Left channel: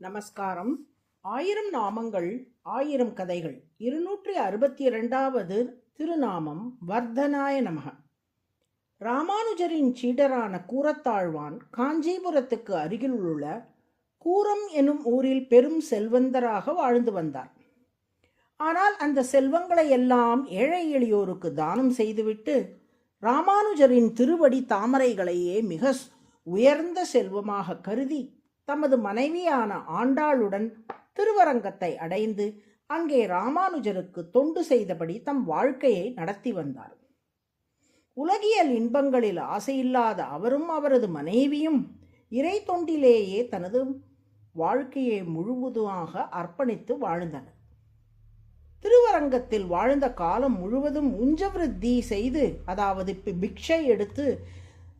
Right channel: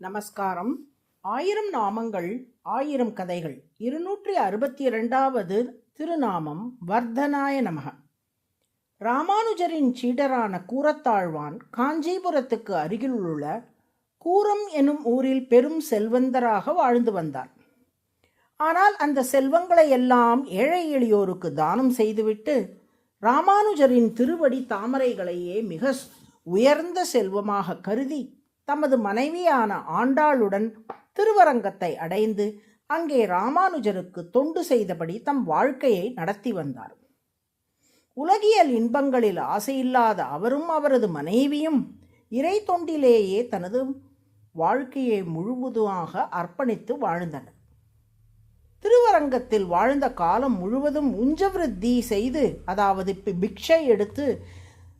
நமஸ்காரம். 1000 நாமங்கள் 1000 கதைகள் 262வது திருநாமம் வர்தனாய நமக. ராமானுஜரின் சீடரான கூரத்தாழ்வான் காஞ்சிபுரத்துக்கு அருகிலுள்ள கூரம் எனும் ஊரில் பெரும் செல்வந்தராக வாழ்ந்து வந்தார். ஆனால் அந்த செல்வங்களை எல்லாம் ஏழை எளியோருக்கு தானம் செய்துவிட்டு ராமானுஜரின் திருவடி தாமரைகளையே மிக உயர்ந்த செல்வமாக கருதி தமது மனைவியான ஆண்டாளுடன் திருவரங்கத்தை அடைந்து அங்கே ராமானுஜருக்கு தொண்டு செய்தபடி தம் வாழ்க்கையை நடத்தி வந்தார். உலகியல் இன்பங்களில் ஆசையில்லாத அவரும் அவரது மனைவியும் இறை தொண்டிலேயே தனது வாழ்க்கையை முழுவதுமாக அர்ப்பணித்து வாழ்ந்தனர். திருவரங்கத்தில் வாழ்ந்த காலம் முழுவதும் உஞ்சவிருத்தி செய்து, அதாவது பிக்ஷை எடுத்து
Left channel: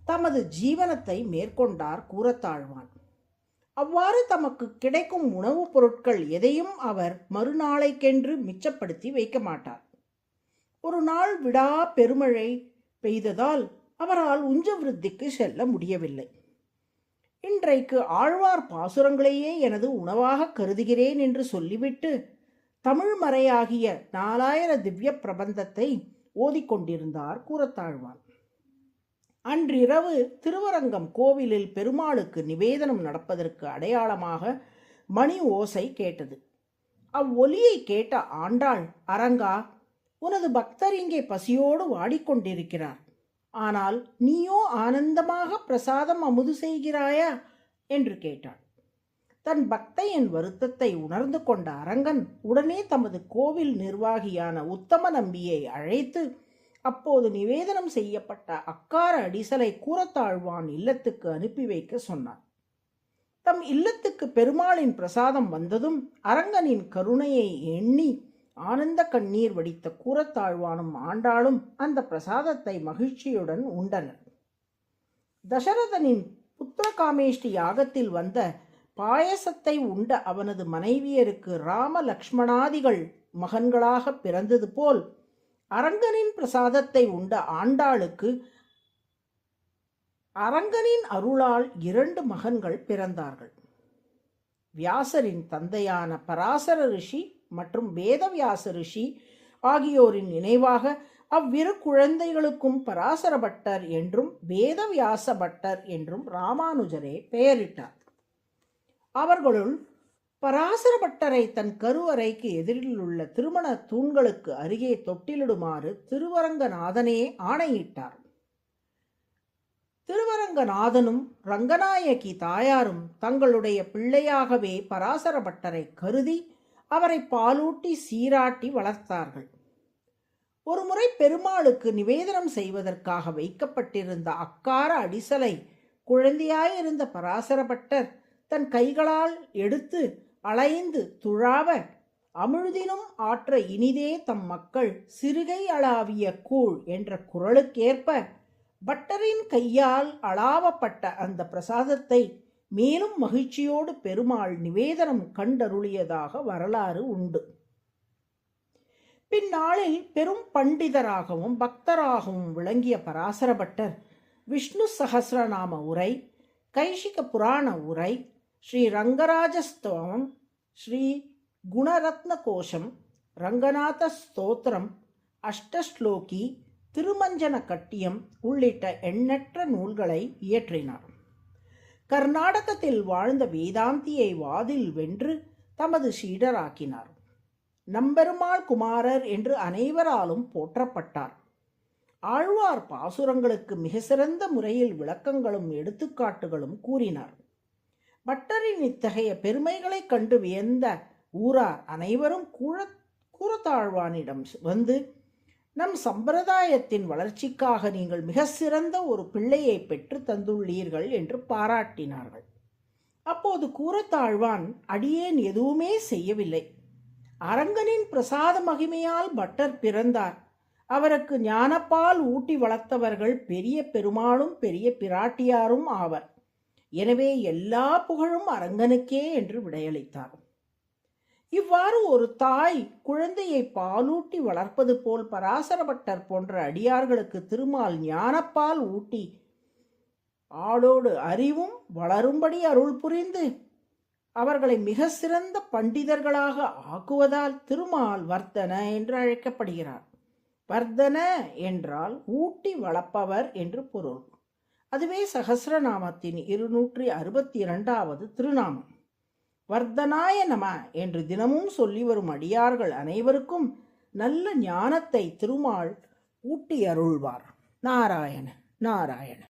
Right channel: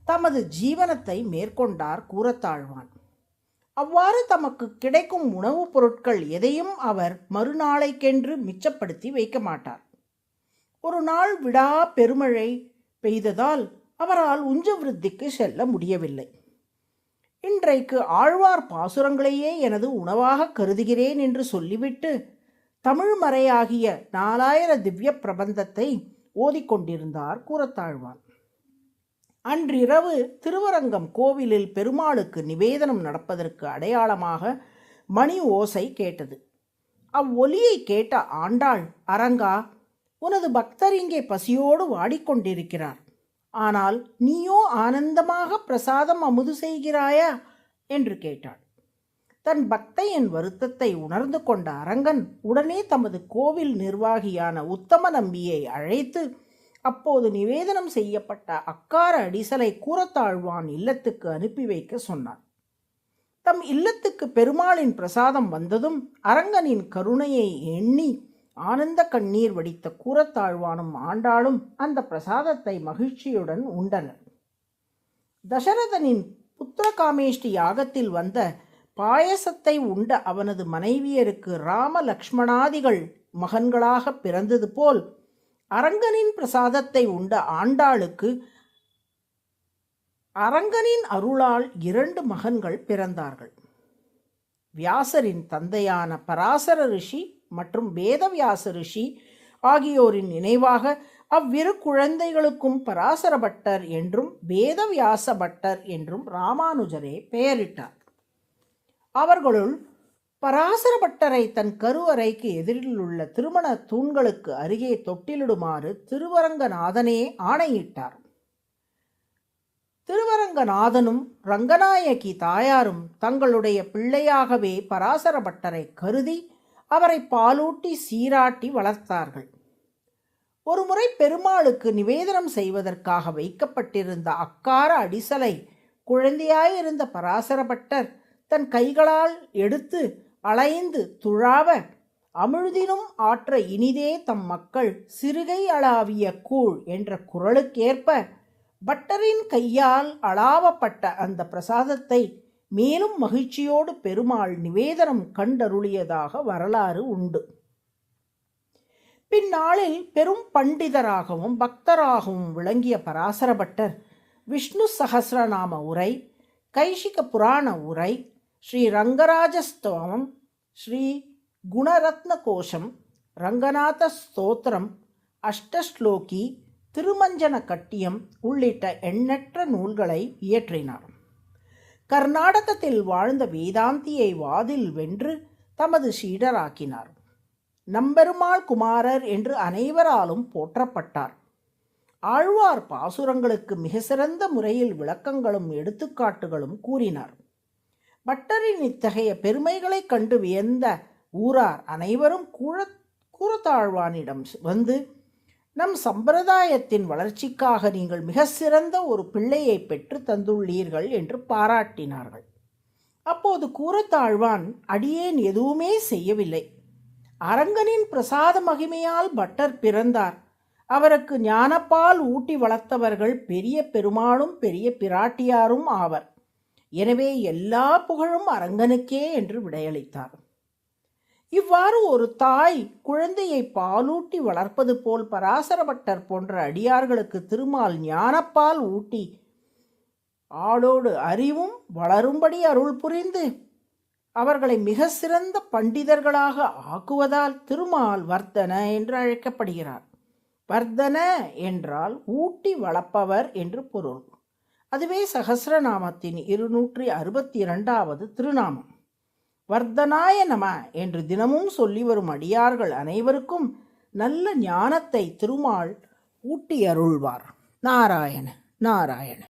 தமது ஜீவனத்தை மேற்கொண்டார் கூரத்தாழ்வான். அவ்வாறு தமக்கு கிடைக்கும் உணவுப் பொருட்கள் எதையும் அவர் மறுநாளைக்கென்று மிச்சப்படுத்தி வைக்க மாட்டார். ஒரு நாள் விடா பெருமழை பெய்ததால் அவரால் உஞ்சவிருத்திக்கு செல்ல முடியவில்லை. இன்றைக்கு ஆழ்வார் பாசுரங்களையே எனது உணவாக கருதுகிறேன் என்று சொல்லிவிட்டு தமிழ் மறையாகிய 4000 திவ்ய பிரபந்தத்தை ஓதிக்கொண்டிருந்தார் கூரத்தாழ்வான். அன்றிரவு திருவரங்கம் கோவிலில் பெருமாளுக்கு நிவேதனம் நடப்பதற்கு அடையாளமாக மணி ஓசை கேட்டது. அவ்வொலியை கேட்ட ஆண்டாள், அரங்கா, உனது பக்தர் இங்கே பசியோடு வாடிக்கொண்டிருக்கிறார். ஆனால் நீயோ ஆனந்தமாக பிரசாதம் அமுது செய்கிறாயா என்று கேட்டாள். தன் பக்தையின் வருத்தத்தை உணர்ந்து கொண்ட அரங்கன் உடனே தமது கோவில் நிர்வாகியான உத்தம நம்பியை அழைத்து அப்போது நிவேதனம் செய்யப்பட்ட அக்கார அடிசலை கூரத்தாழ்வான் இல்லத்துக்கு அனுப்பி வைக்க சொன்னார். தம் இல்லத்துக்கு பெருமாளின் பிரசாதம் வந்ததும் அரங்கனின் கருணையை எண்ணி ஆனந்த கண்ணீர் வடித்த கூரத்தாழ்வானும் ஆண்டாளும் அந்த பிரசாதத்தை மகிழ்ச்சியுடன் உண்டனர். தசரதனின் புத்திரகாமேஷ்டி யாகத்தில் வந்த பாயசத்தை உண்ட அவனது மனைவியருக்கு ராம லக்ஷ்மணாதிகள் மகன்களாக பிறந்தது போல் அரங்கனின் பிரசாதத்தை உண்ட ஆண்டாளுக்கு அரங்கனின் அருளால் 2 மகன்கள் பிறந்தார்கள். வியாசரின் தந்தையான பராசர ரிஷி மற்றும் வேதவியாச ரிஷி ஆகியோரின் நினைவாக அவ்விரு குழந்தைகளுக்கும் பராசர பட்டர் என்றும் வேதவியாச பட்டர் என்றும் ராமானுஜரே பெயரிட்டார். அவர்களுள் பராசர பட்டரை தன் கருவறைக்கு எதிரில் உள்ள திருமண தூண்களுக்கு அருகே தொட்டிலிடுமாறு திருவரங்கநாதனே ஆணையிட்டார். திருவரங்கநாதனும் ரங்கநாயகி தாயாரும் தங்களுடைய பிள்ளையாகவே பராசர பட்டரை கருதி அவரை பாலூட்டி சீராட்டி வளர்த்தார்கள். ஒருமுறை பெருமாளுக்கு நிவேதனம் செய்வதற்காக வைக்கப்பட்டிருந்த அக்கார அடிசலை குழந்தையாயிருந்த பராசர பட்டர் தன் கைகளால் எடுத்து அலைந்து துழாவ, அமிழ்தினும் ஆற்ற இனிதே தம் மக்கள் சிறுகை அளாவிய கூழ் என்ற குரலுக்கேற்ப பட்டரின் கையால் அளாவப்பட்ட அந்த பிரசாதத்தை மேலும் மகிழ்ச்சியோடு பெருமாள் நிவேதனம் கண்டருளியதாக வரலாறு உண்டு. பின்னாளில் பெரும் பண்டிதராகவும் பக்தராகவும் விளங்கிய பராசர பட்டர் விஷ்ணு சஹஸ்ரநாம உரை, கைஷிக புராண உரை, ஸ்ரீ ரங்கராஜஸ்தவம், ஸ்ரீ குணரத்ன கோஷம், ரங்கநாத ஸ்தோத்திரம், அஷ்டஸ்லோகி, திருமஞ்சன கட்டியம் உள்ளிட்ட எண்ணற்ற நூல்களை இயற்றினார். கர்நாடகத்தில் வாழ்ந்த வேதாந்தியை வாதில் வென்று தமது சீடராக்கினார். நம்பெருமாள் குமாரர் என்று அனைவராலும் போற்றப்பட்டார். ஆழ்வார் பாசுரங்களுக்கு மிக சிறந்த முறையில் விளக்கங்களும் எடுத்துக்காட்டுகளும் கூறினார். பட்டரின் இத்தகைய பெருமைகளை கண்டு வியந்த ஊரார் அனைவரும் கூரத்தாழ்வானிடம் வந்து, நம் சம்பிரதாயத்தின் வளர்ச்சிக்காக நீங்கள் மிக சிறந்த ஒரு பிள்ளையை பெற்று தந்துள்ளீர்கள் என்று பாராட்டினார்கள். அப்போது கூரத்தாழ்வான், அடியேன் எதுவுமே செய்யவில்லை. அரங்கனின் பிரசாத மகிமையால் பட்டர் பிறந்தார். அவருக்கு ஞானப்பால் ஊட்டி வளர்த்தவர்கள் பெரிய பெருமாளும் பெரிய பிராட்டியாரும் ஆவர். எனவே எல்லா புகழும் அரங்கனுக்கே என்று விடையளித்தார். இவ்வாறு ஒரு தாய் குழந்தையை பாலூட்டி வளர்ப்பது போல் பராசர பட்டர் போன்ற அடியார்களுக்கு திருமால் ஞானப்பால் ஊட்டி ஆடோடு அறிவும் வளரும்படி அருள் புரிந்து அவர்களை மிக சிறந்த பண்டிதர்களாக ஆக்குவதால் திருமால் வர்த்தன என்று அழைக்கப்படுகிறார். வர்தன என்றால் ஊட்டி வளர்ப்பவர் என்று பொருள். அதுவே சகஸ்ரநாமத்தின் 262வது திருநாமம். வர்தனாய நம என்று தினமும் சொல்லி வரும் அடியார்கள் அனைவருக்கும் நல்ல ஞானத்தை திருமால் ஊட்டி அருள்வார். நாராயண நாராயண.